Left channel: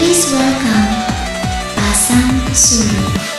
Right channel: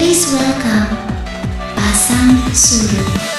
Please welcome Pasang Surut.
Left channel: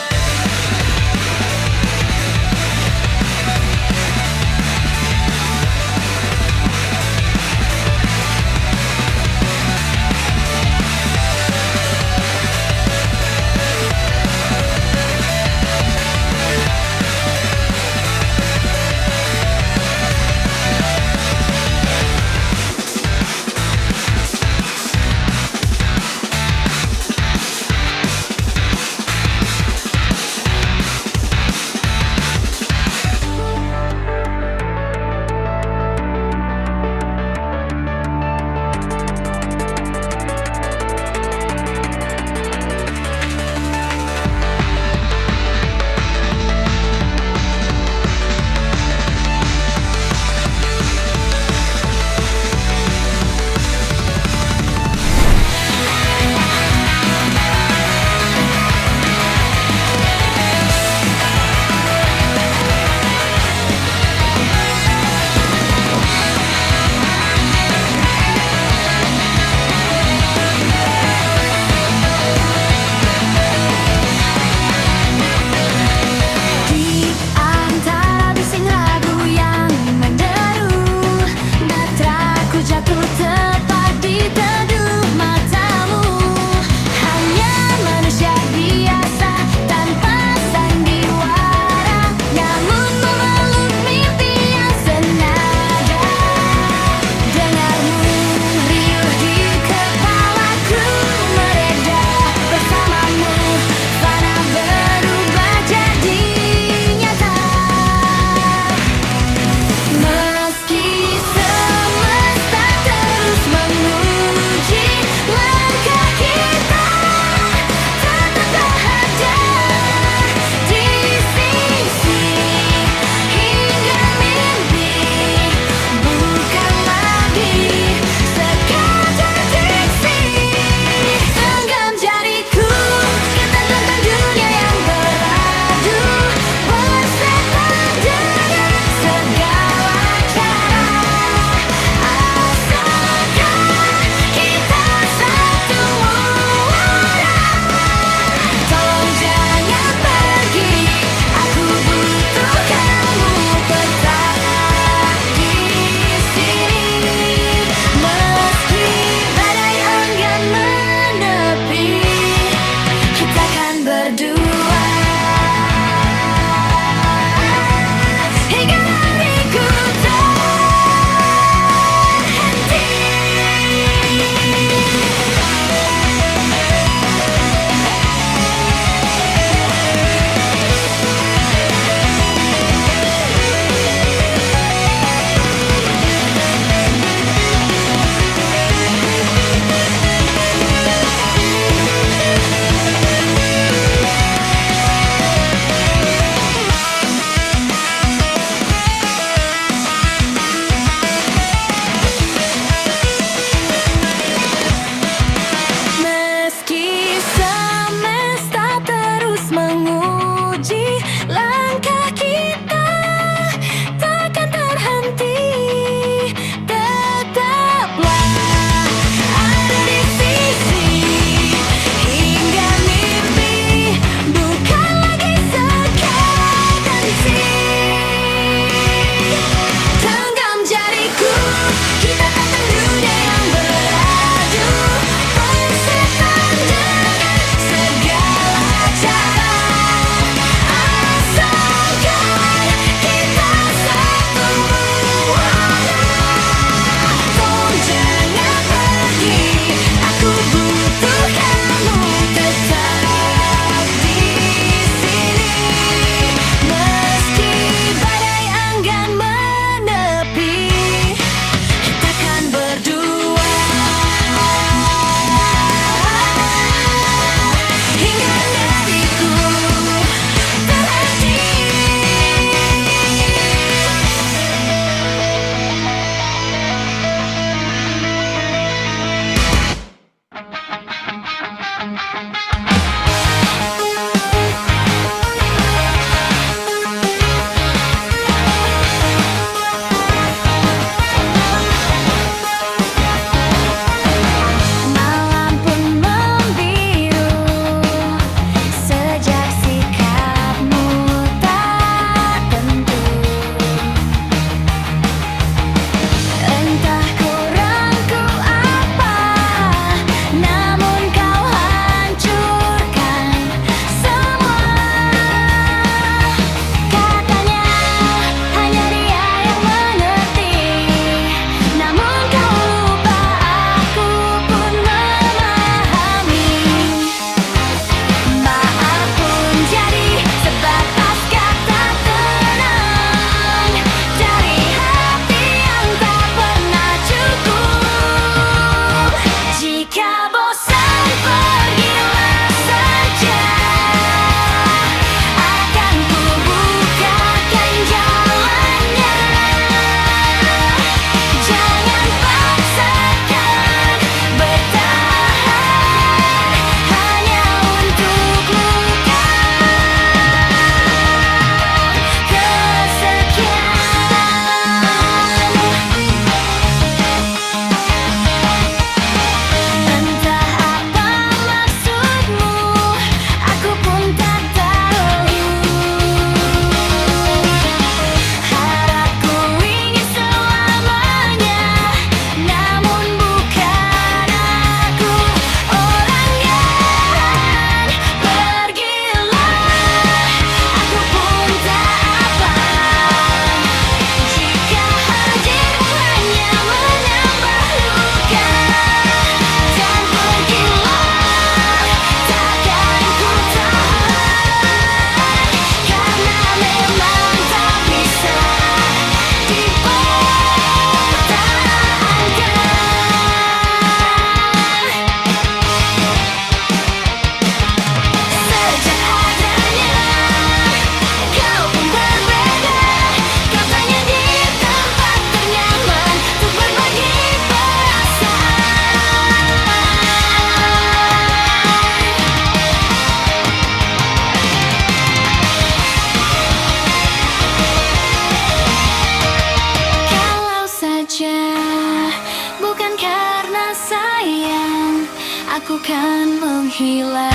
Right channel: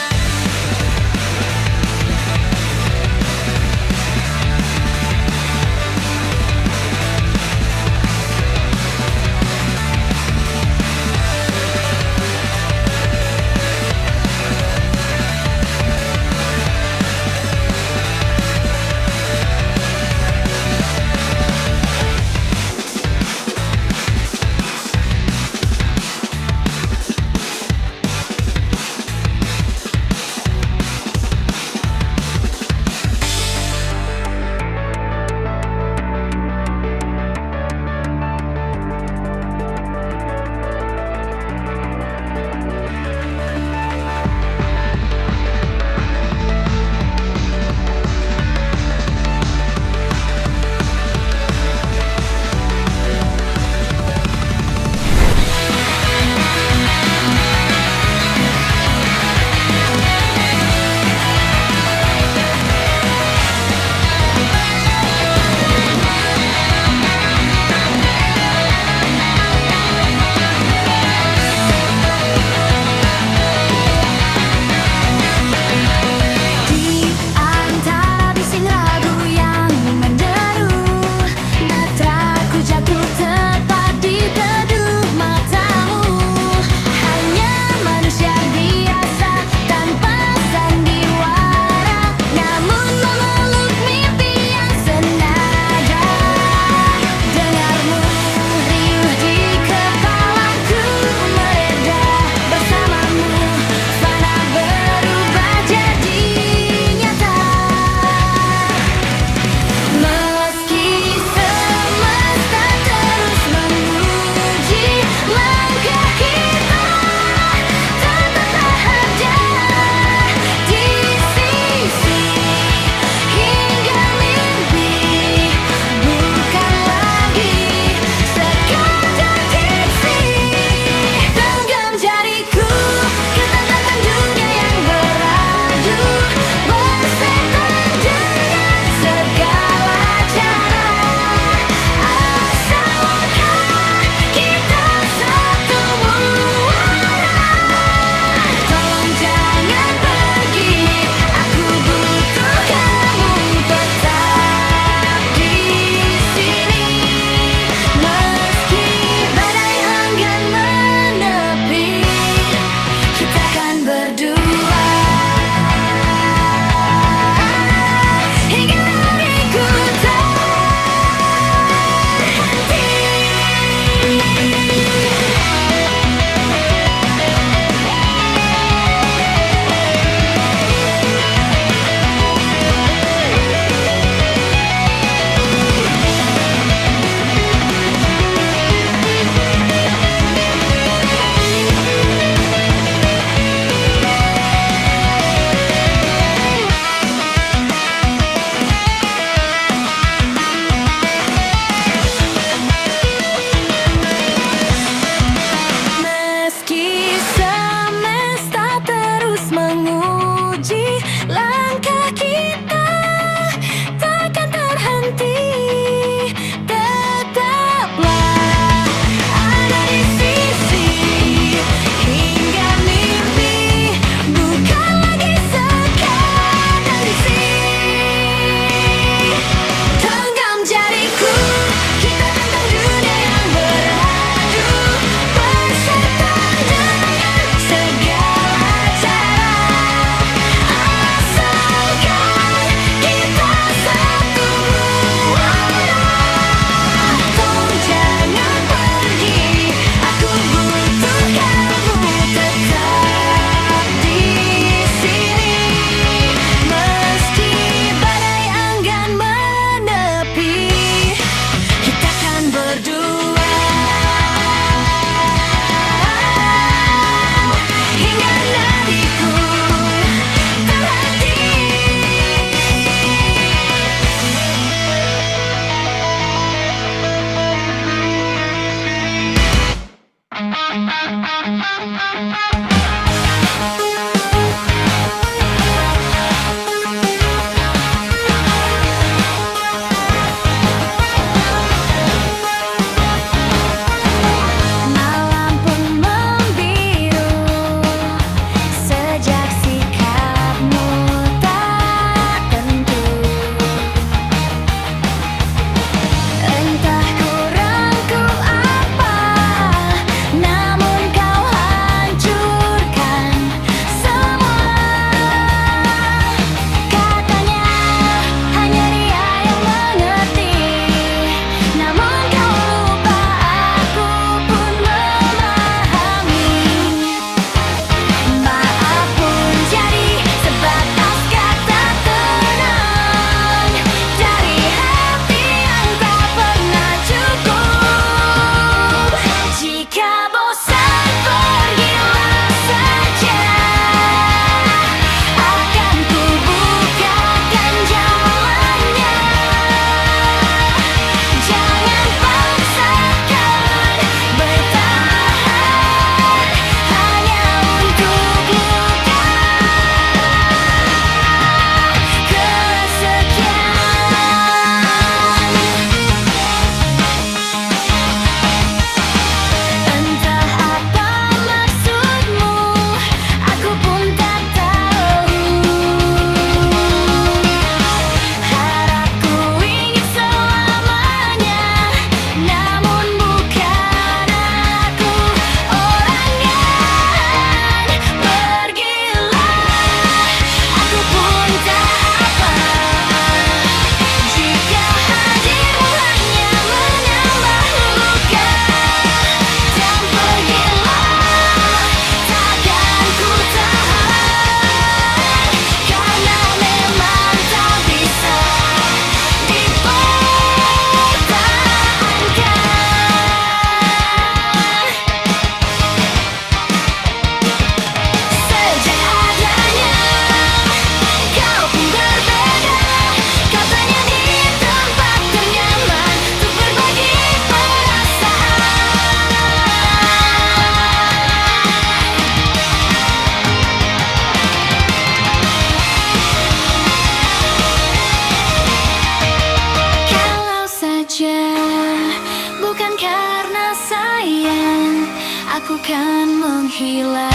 kan menghilang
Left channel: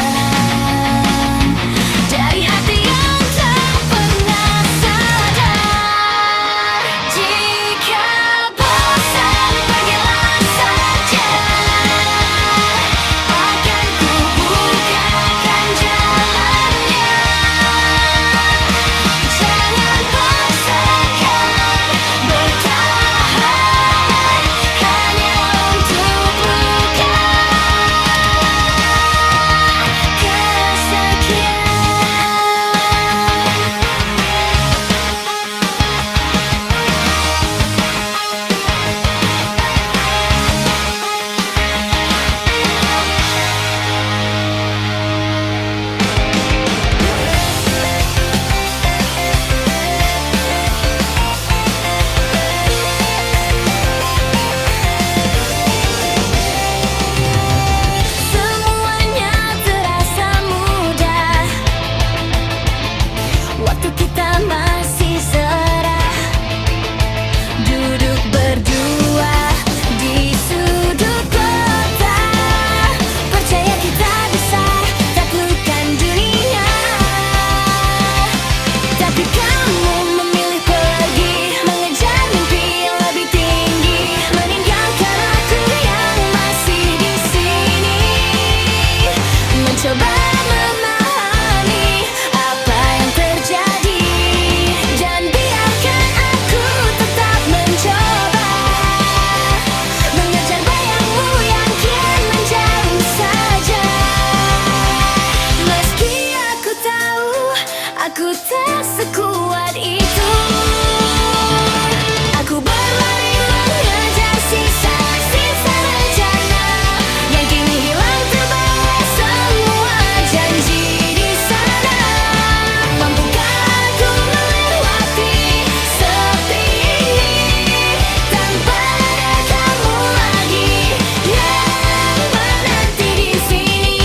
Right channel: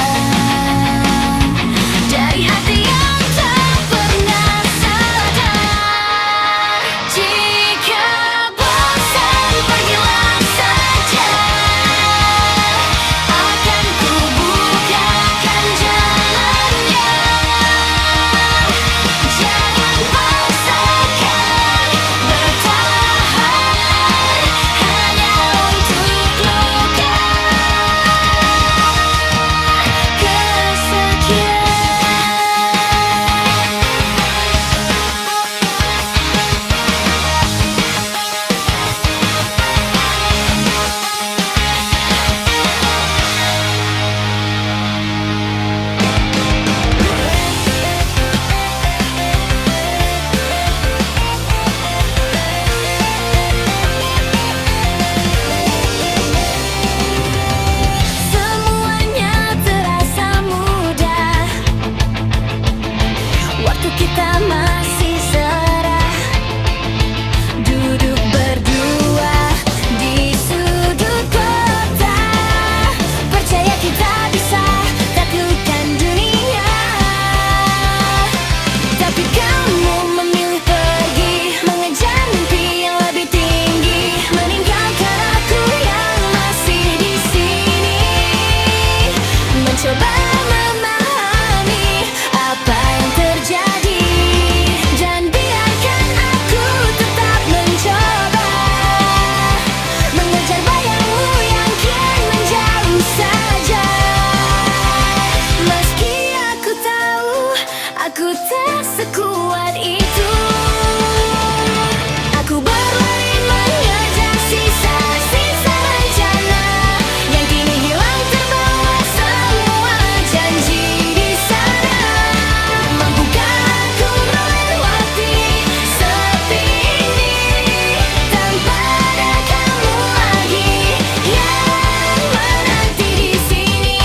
dari hati yang tak pernah sadar. Jika bosan pergilah saja, akan ku bukakan jalannya. Jangan paksakan bertahan hanya untuk luka kesekian. Semuanya terasa mudah, waktu kita masih serah, duduk berdua di sudut kota. Percaya kita bisa taklukkan dunia, tapi kamu memilih pergi mengejar mimpi yang lebih tinggi, meninggalkan aku yang masih di sini, mencoba memahami apa yang terjadi. Dan biarkan aku tetap mencoba mengejar bayangmu yang kian menjauh saja. Meski aku tahu aku tak sekuat itu, aku berlari mengejar sisa-sisa rencana yang kini hilang terbawa semua janji di sana. Mampukah aku melewati sepi ini tanpa ada kamu lagi yang menanti di sini?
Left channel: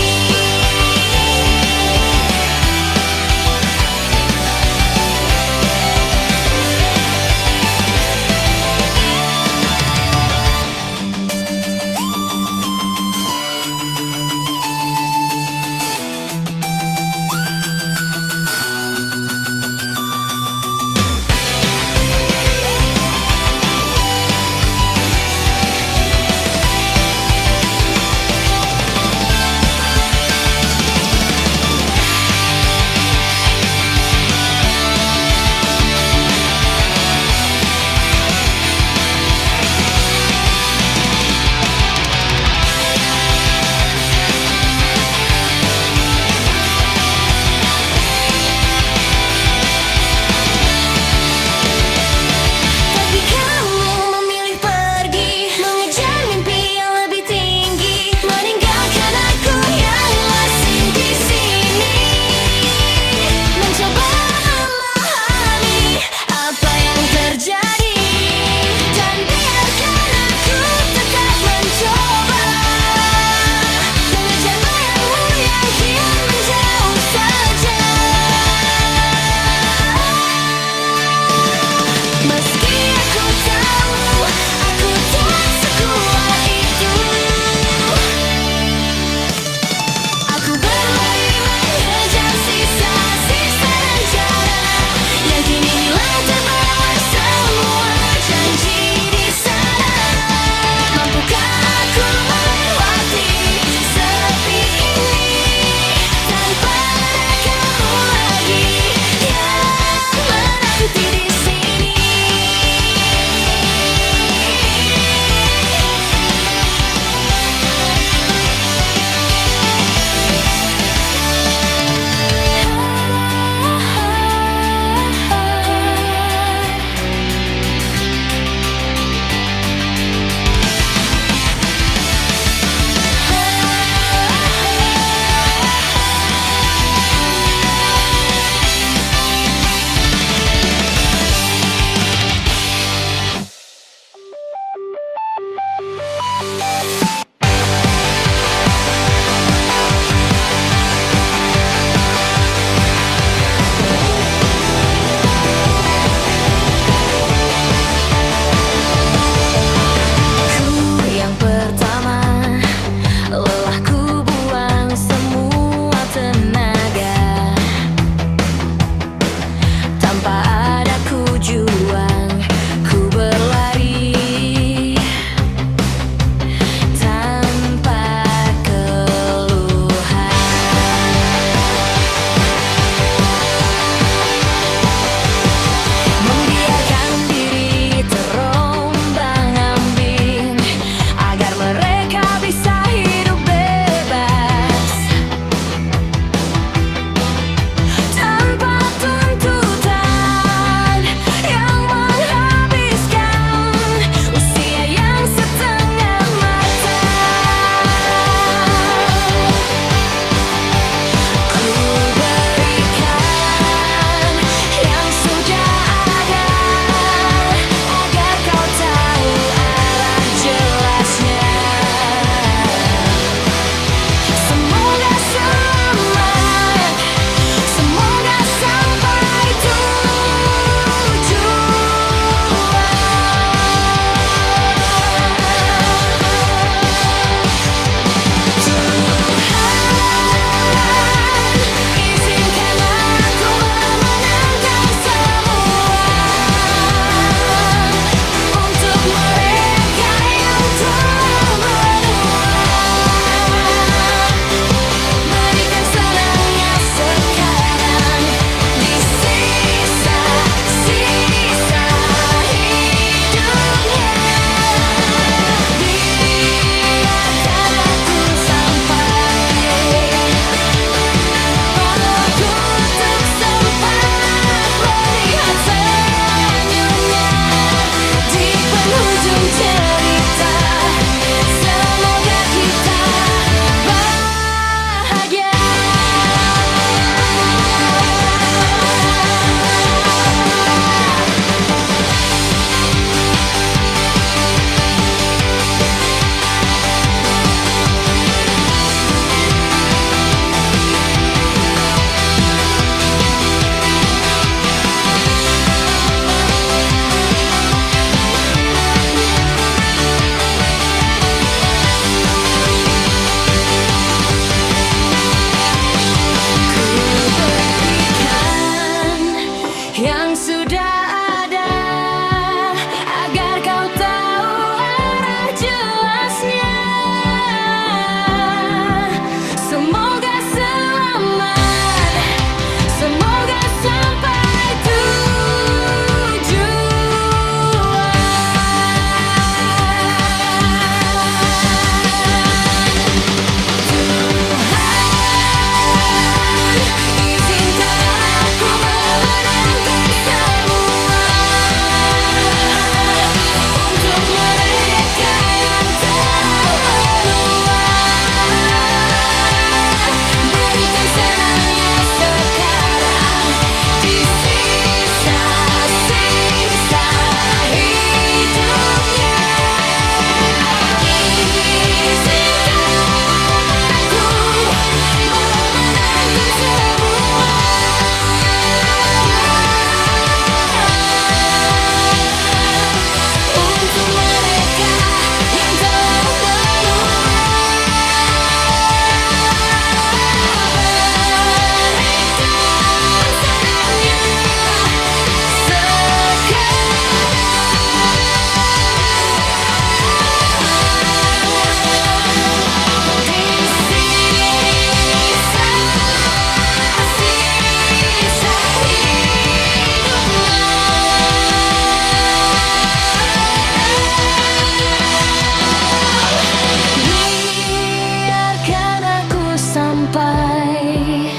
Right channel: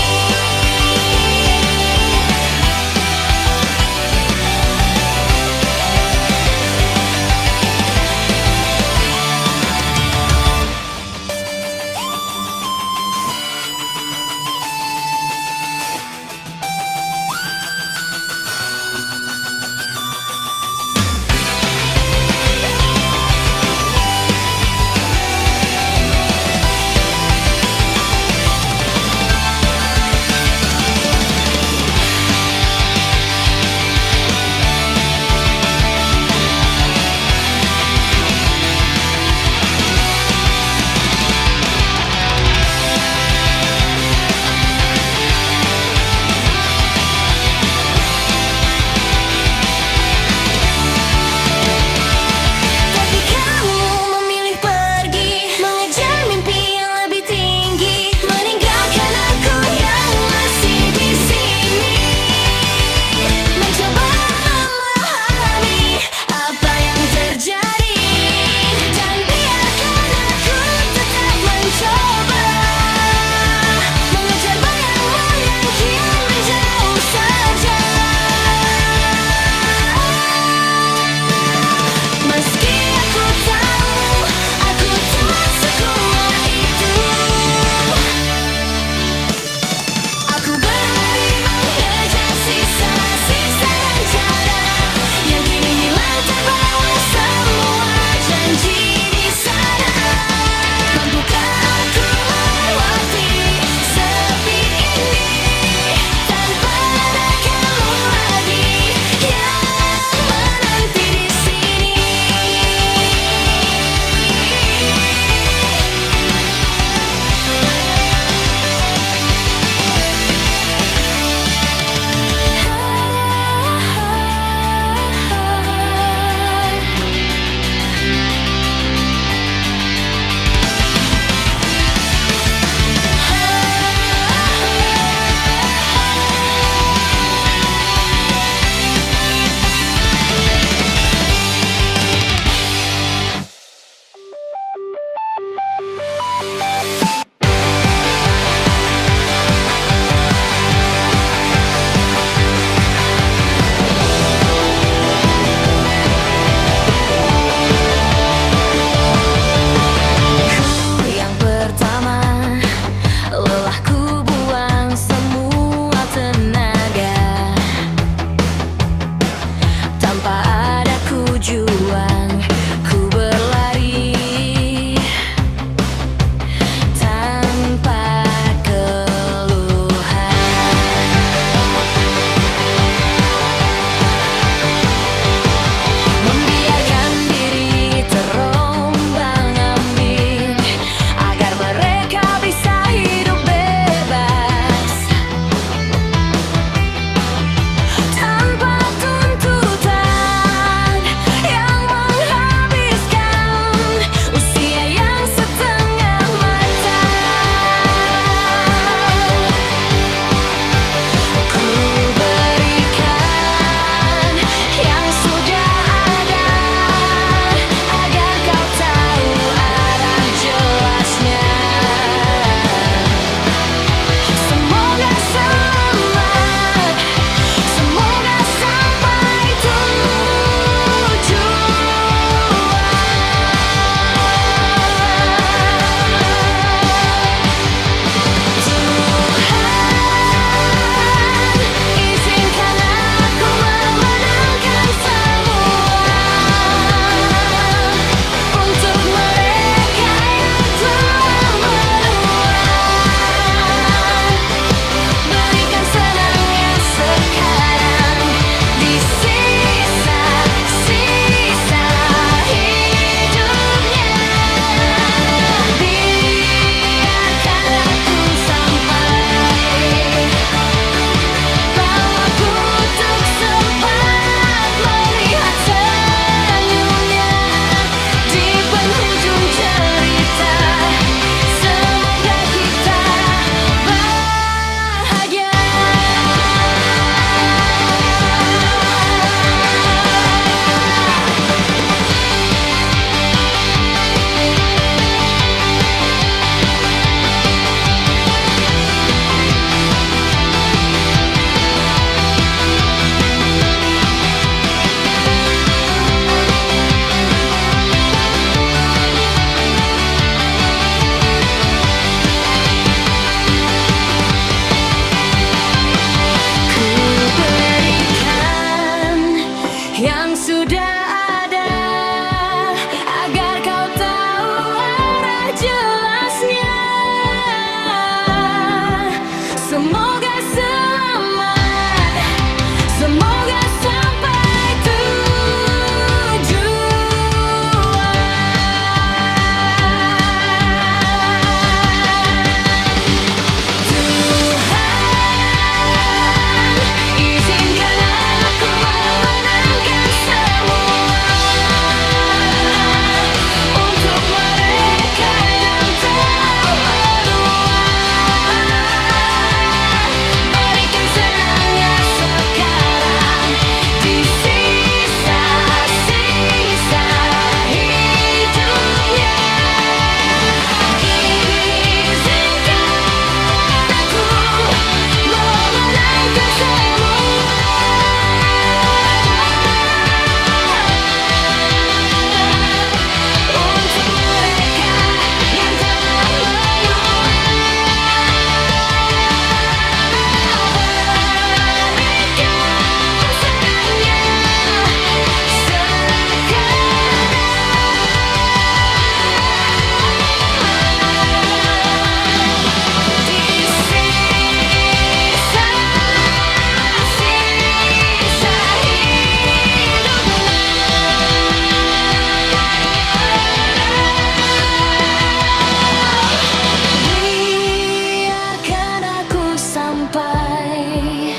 sampai,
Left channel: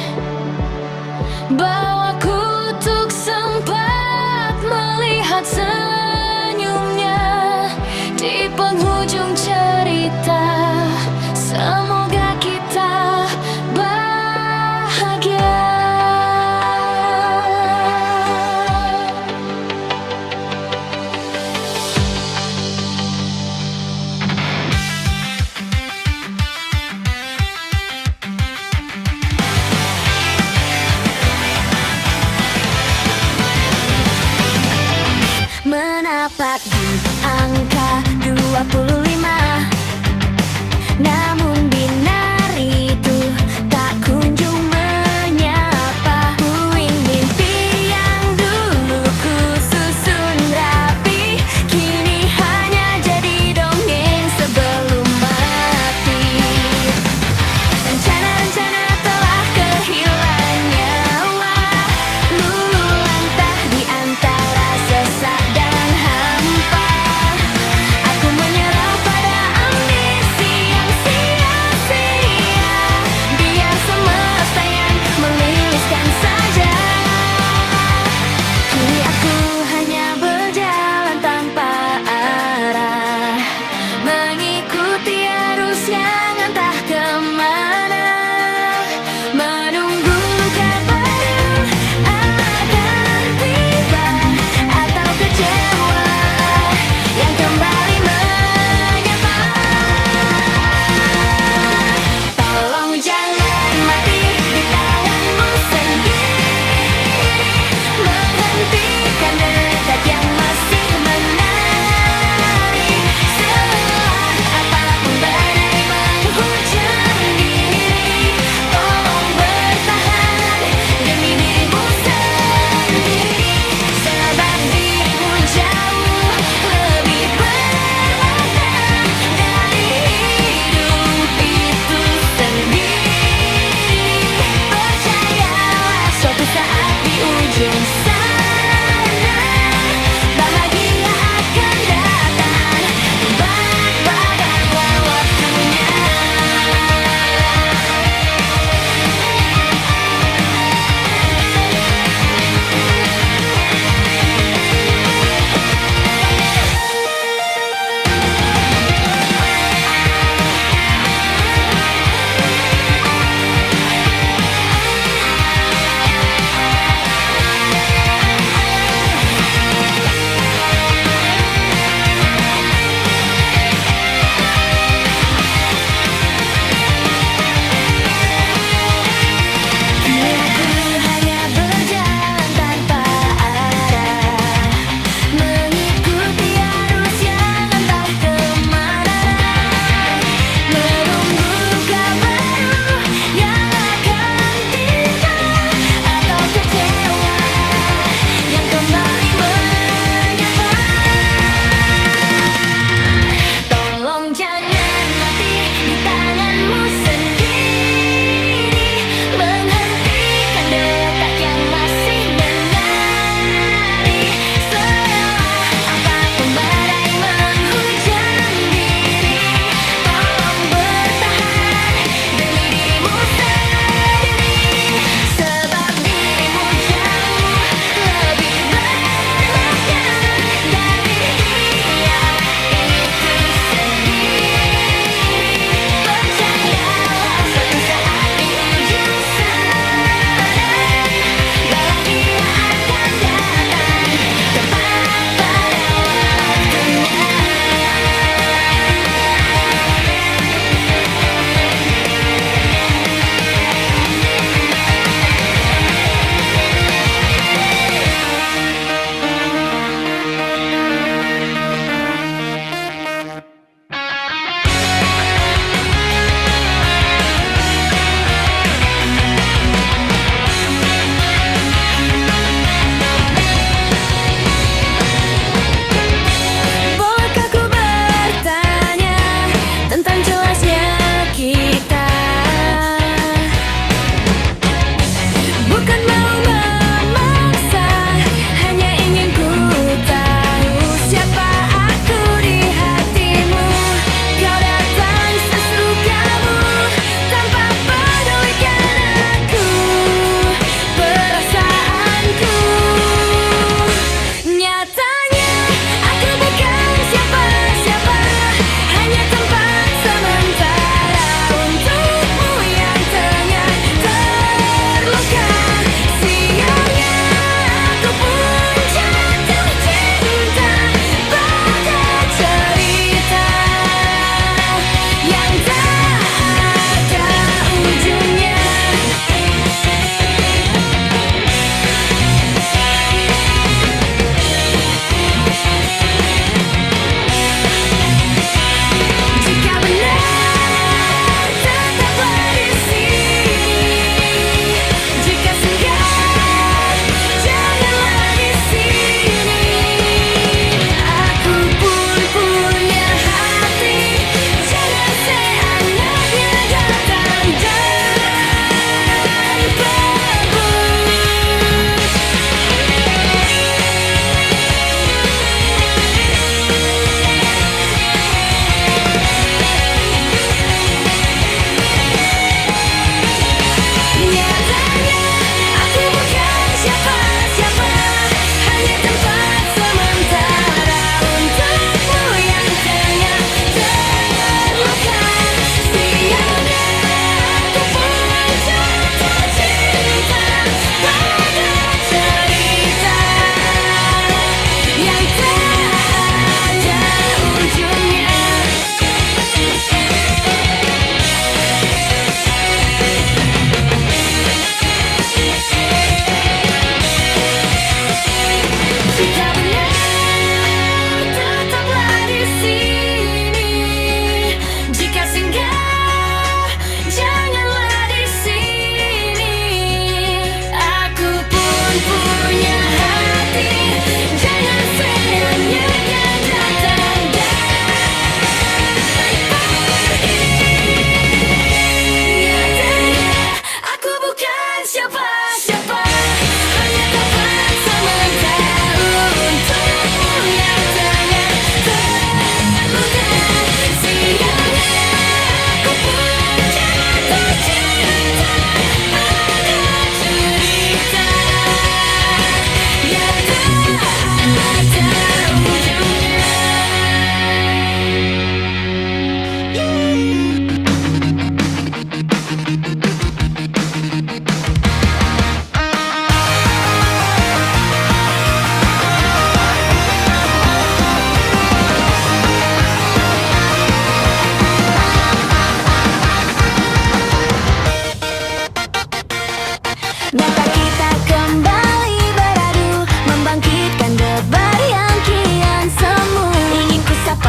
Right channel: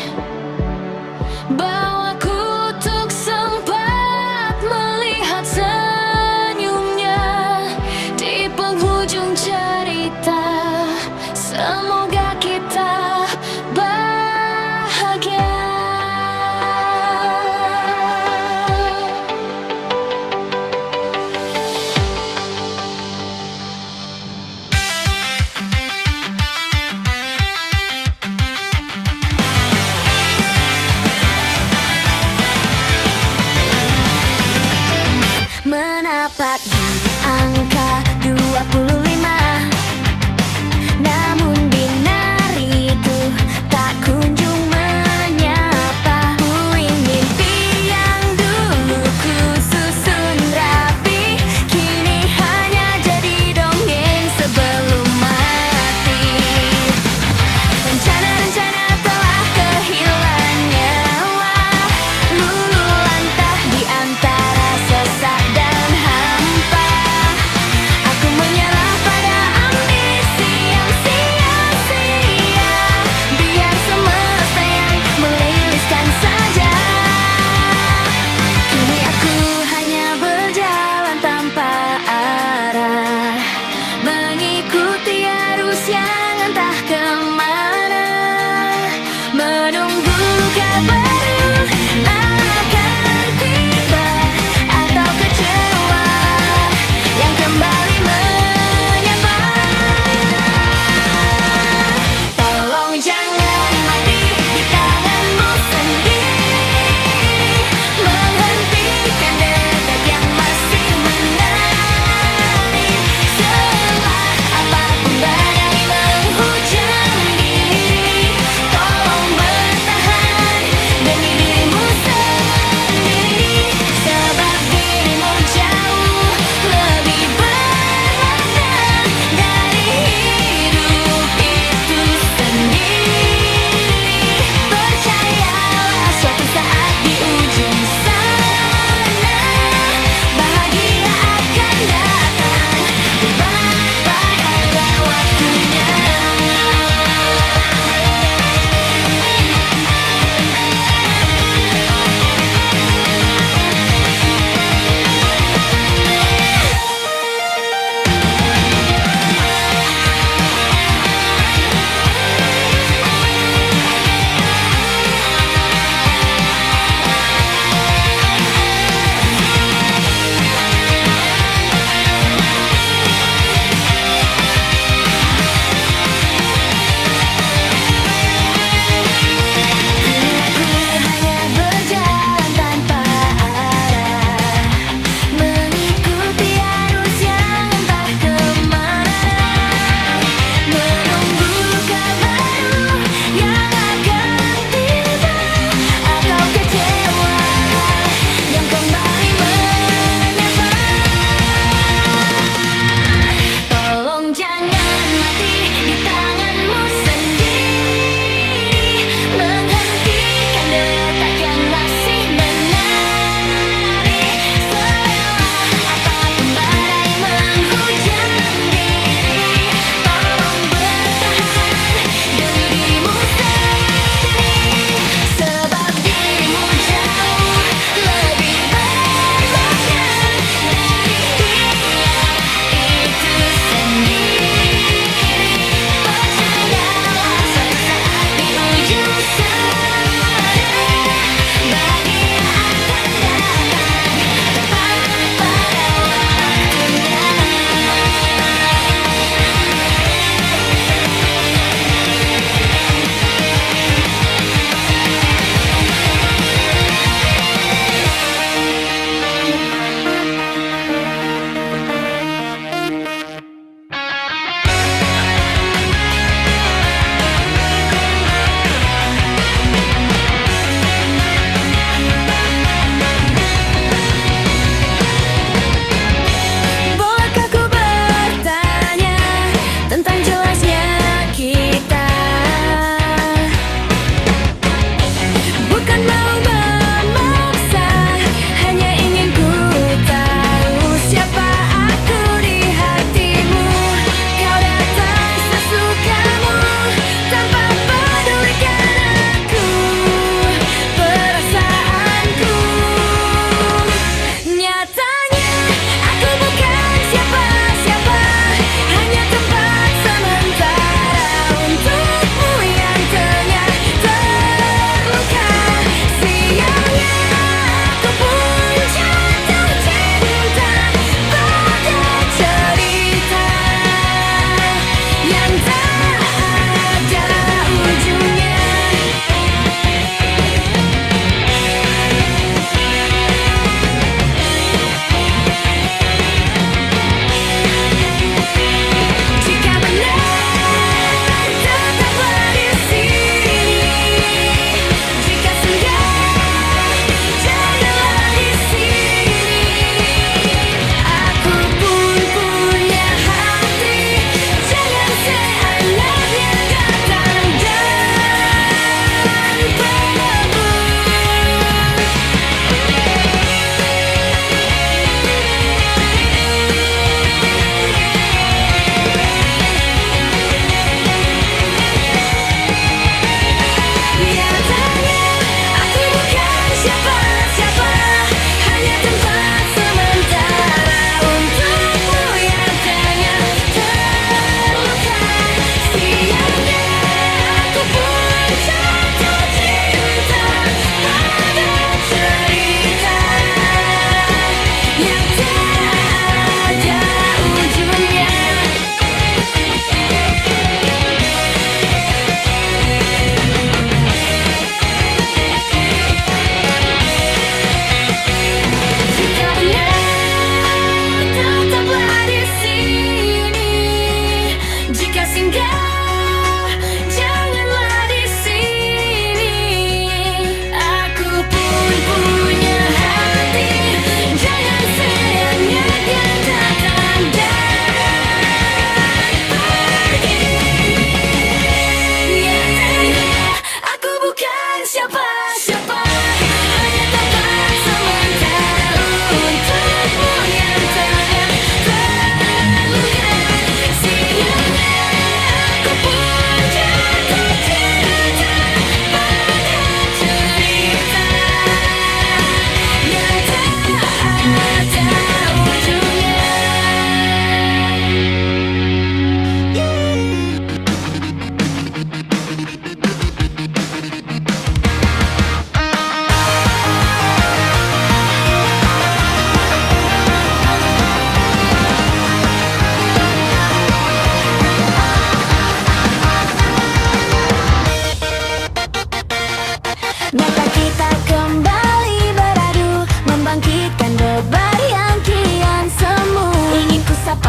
bawaku untuk sempat melihat senyumnya di penghujung cerita. Semoga kita bahagia. Menapak di angka 25, namun binar itu tak kunjung menyapa. Puing mimpi yang dulu ku susun rapi, kini hanya jadi dongeng sebelum mati. Rencana-rencana telah kehilangan nyawa, lulu lantah di antara sesak dan hampa. Aku menyerah pada ambisi yang sia-sia, biar semesta yang meliliskan saja. Kini aku hanya berjalan tanpa arah, mengikuti arus yang entah kemana, menunggu luka baru akan tiba, atau kecewa yang kembali menyapa. Tolong jangan mati di tanganmu sendiri, menghentikan detak yang masih menari. Setelah apapun badai menghujam diri, tolong bertahan.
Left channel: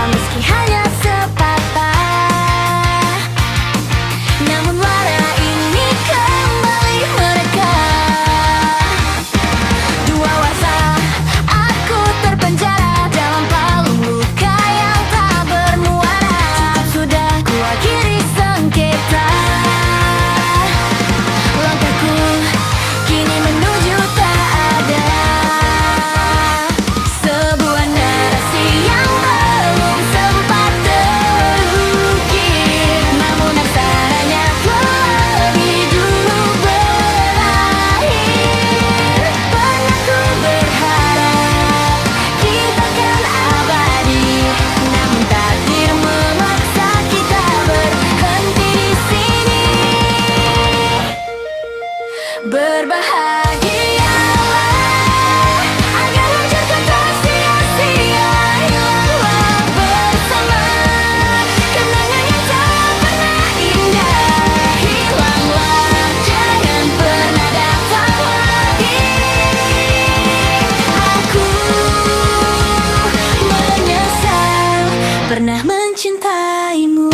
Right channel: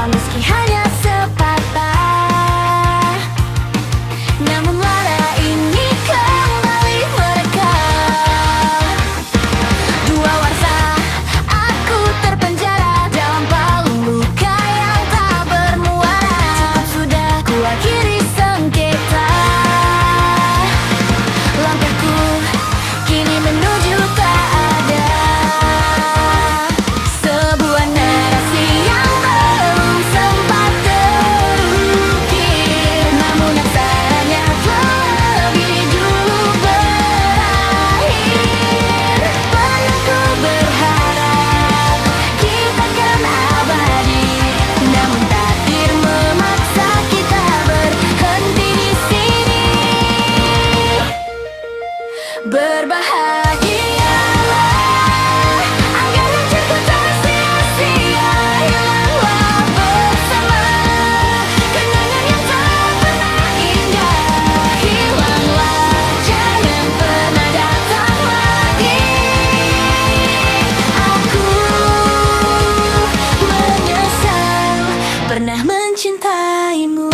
meski hanya sepatah. Namun lara ini kembali merekah. Dua warsa, aku terpenjara dalam palung luka yang tak bermuara. Cukup sudah ku akhiri sengketa. Langkahku kini menuju tak ada. Sebuah narasi yang belum sempat terukir, namun aksaranya telah lebih dulu berakhir. Pernah ku berharap kita kan abadi, namun takdir memaksa kita berhenti di sini. Berbahagialah agar hancurku tak sia-sia. Hilanglah bersama kenangan yang tak pernah indah. Hilanglah, jangan pernah datang lagi. Aku menyesal pernah mencintaimu.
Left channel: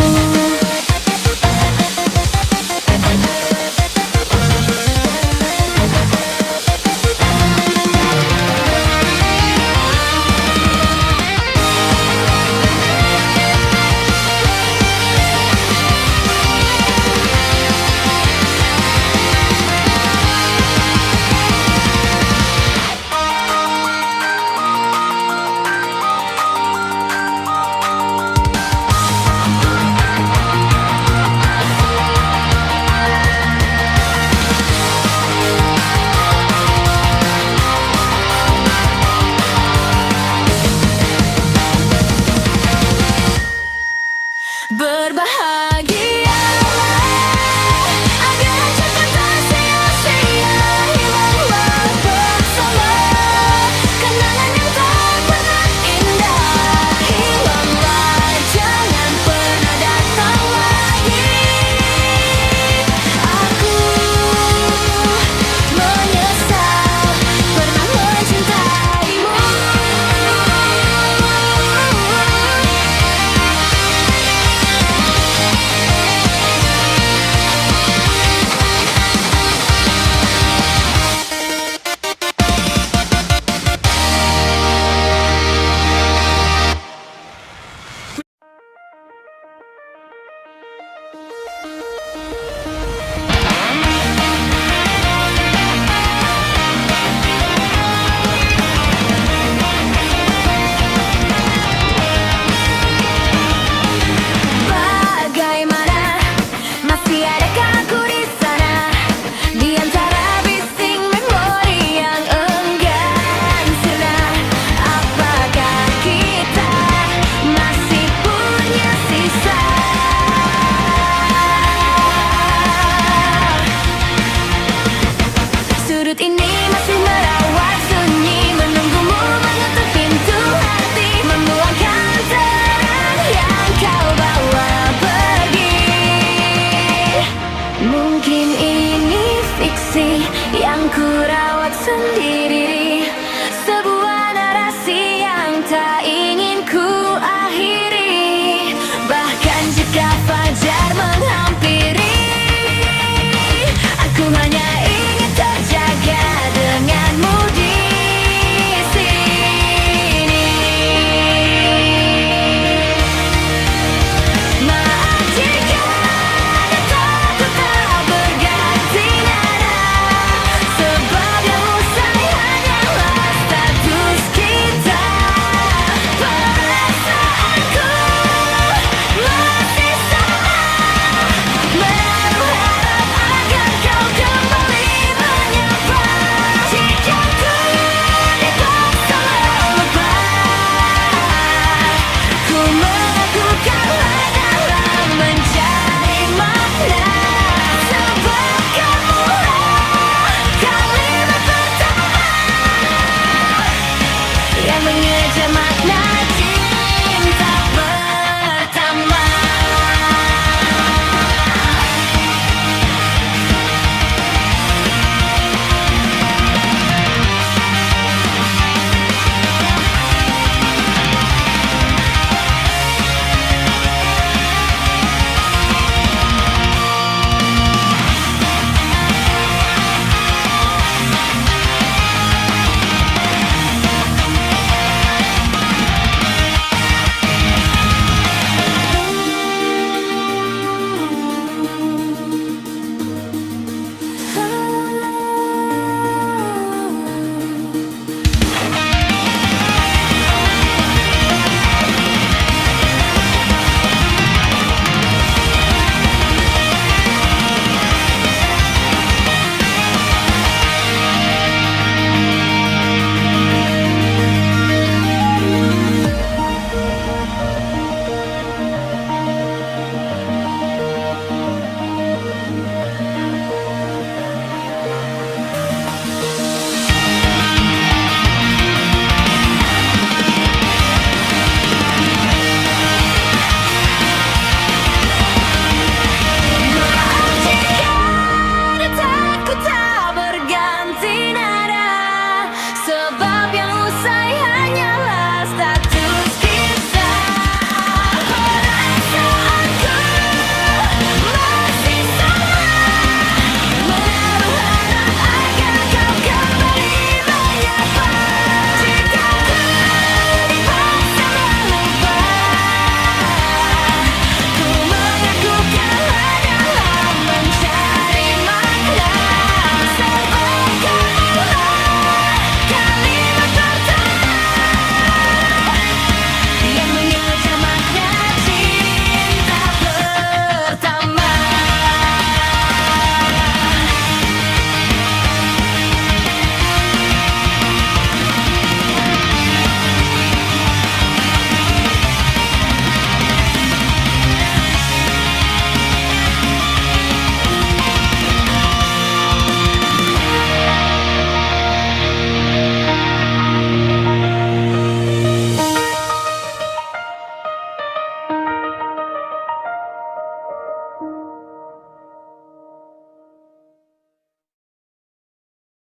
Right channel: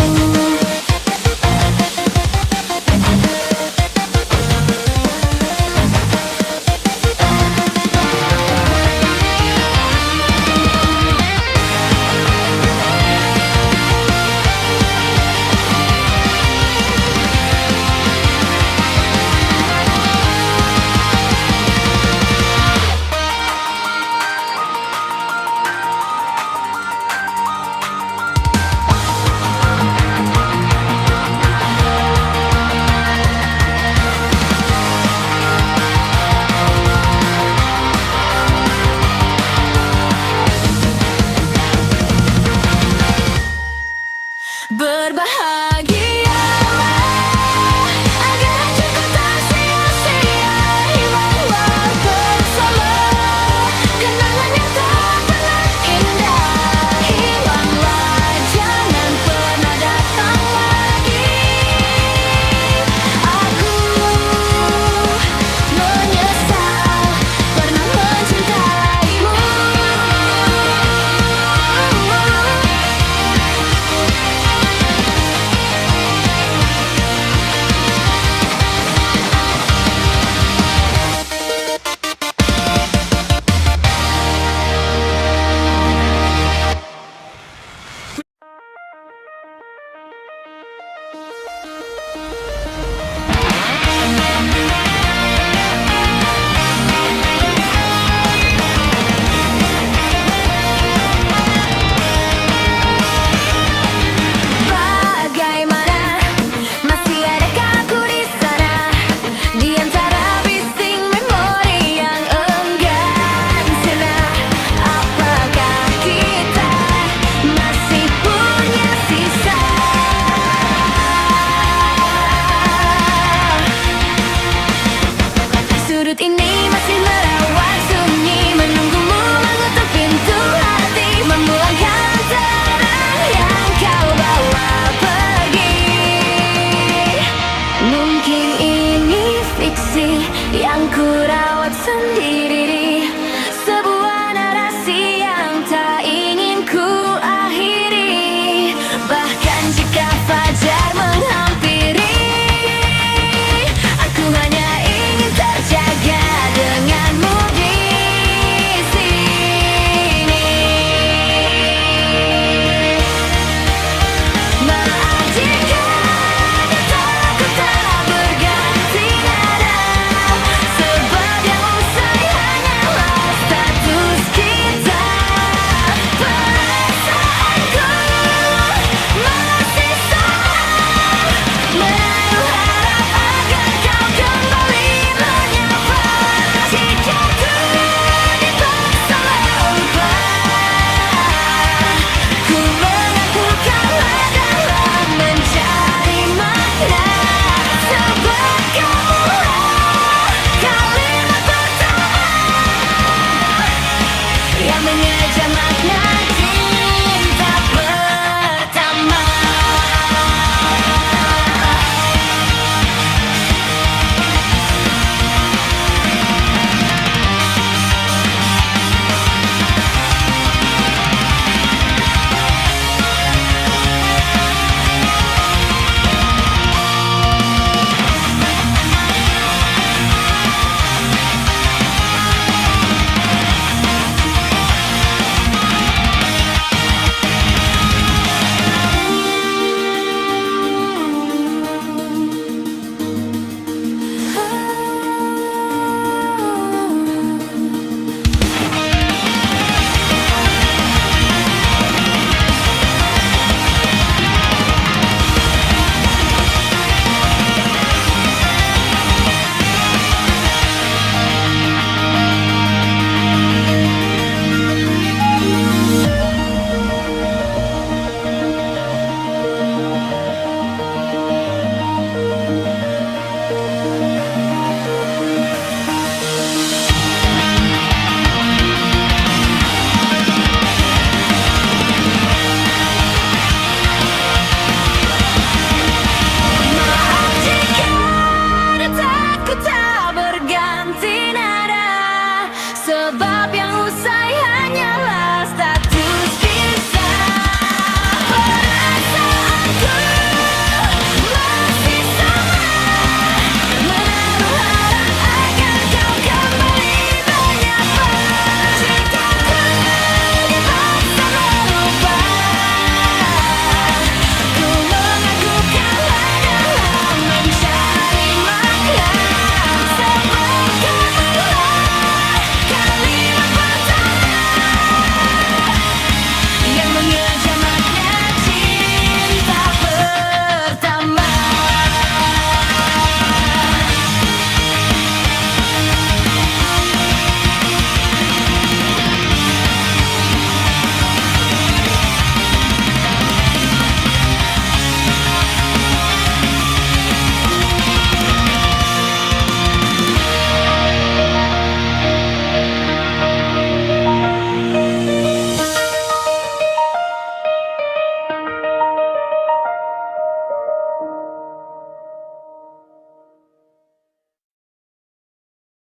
Berbahagialah agar hancurku tak sia-sia. Hilanglah bersama kenangan yang tak pernah indah. Hilanglah, jangan pernah datang lagi. Aku menyesal pernah mencintaimu. Bagaimana, masih adakah aku di sana, di antara bising memori yang enggan sirna? Apakah kita masih punya sisa? Sudut ini masih merawat sunyi, menunggumu mengetuk pintu hati, memulangkan terang yang kau bawa pergi. Mungkin ini fiksi yang ku rawat sendiri, sebuah narasi yang tak ingin ku akhiri. Bahkan jika fajar menghampiri, aku hanya